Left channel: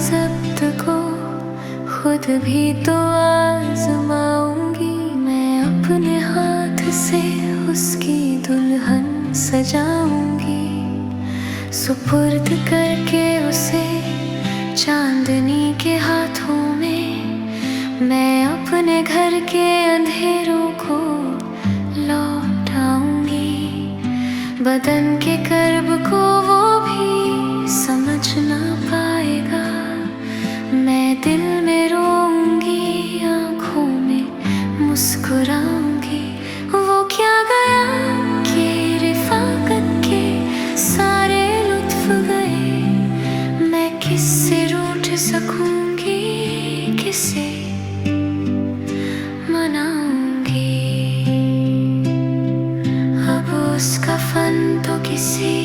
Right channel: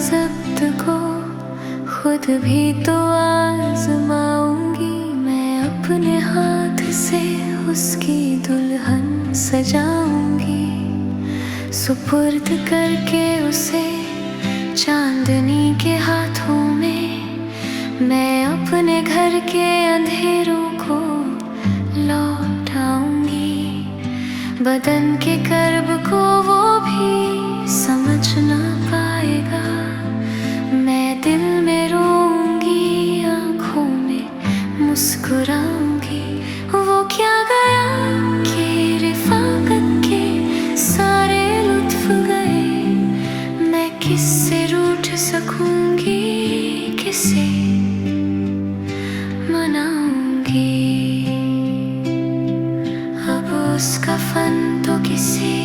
जब्त को खुद भी तो आजमाऊंगी। मैं अपने हाथ से उसकी दुल्हन सजाऊंगी, सुपुर्द करके उसे चांदनी के हाथों में। मैं अपने घर के अंधेरों को लौटाऊंगी, बदन के कर्ब को वो भी समझ ना पाएगा। मैं दिल में रोऊंगी, आंखों में मुस्कुराऊंगी। वो क्या गया कि रिफाकत के सारे लुत्फ गए। मैं किससे रूठ सकूंगी, किसे मनाऊंगी। अब उसका फन तो किसी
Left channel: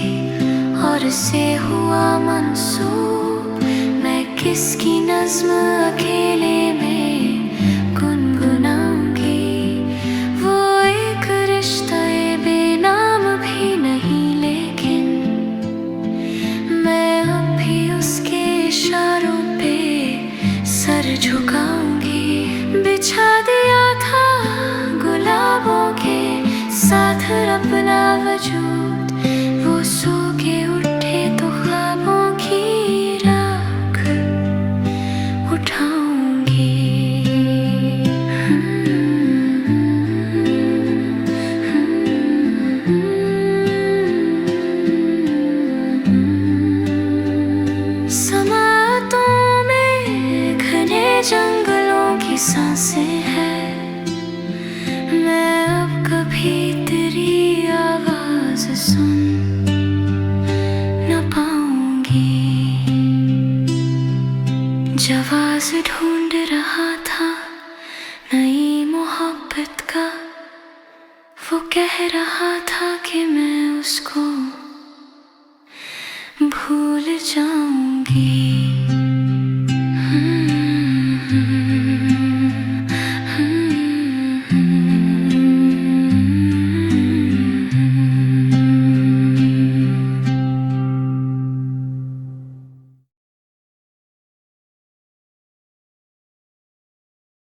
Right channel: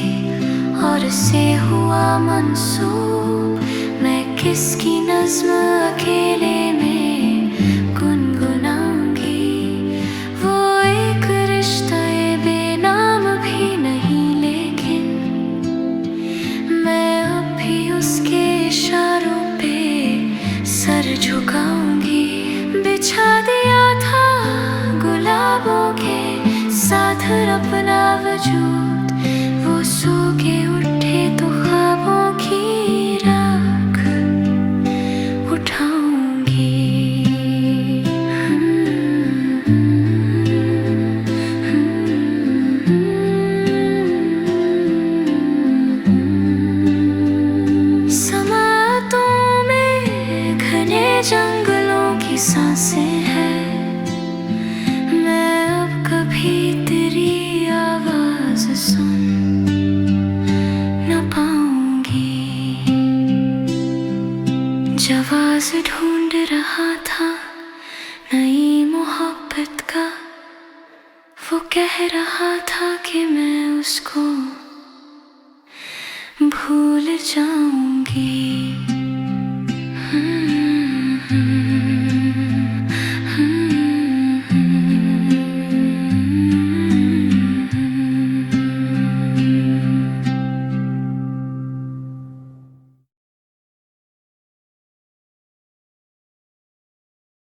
और से हुआ मंसूब। मैं किसकी नज़्म अकेले में गुनगुनाऊंगी। वो एक रिश्ता बेनाम भी नहीं, लेकिन मैं अब भी उसके इशारों पे सर झुकाऊंगी। बिछा दिया था गुलाबों के साथ अपना वजूद, वो सो के उठे तो ख्वाबों की राख उठाऊंगी। समातों में घने जंगलों की सांसें हैं। मैं अब कभी तेरी आवाज सुन न पाऊंगी। जवाब ढूंढ रहा था नई मोहब्बत का, वो कह रहा था कि मैं उसको भूल जाऊंगी।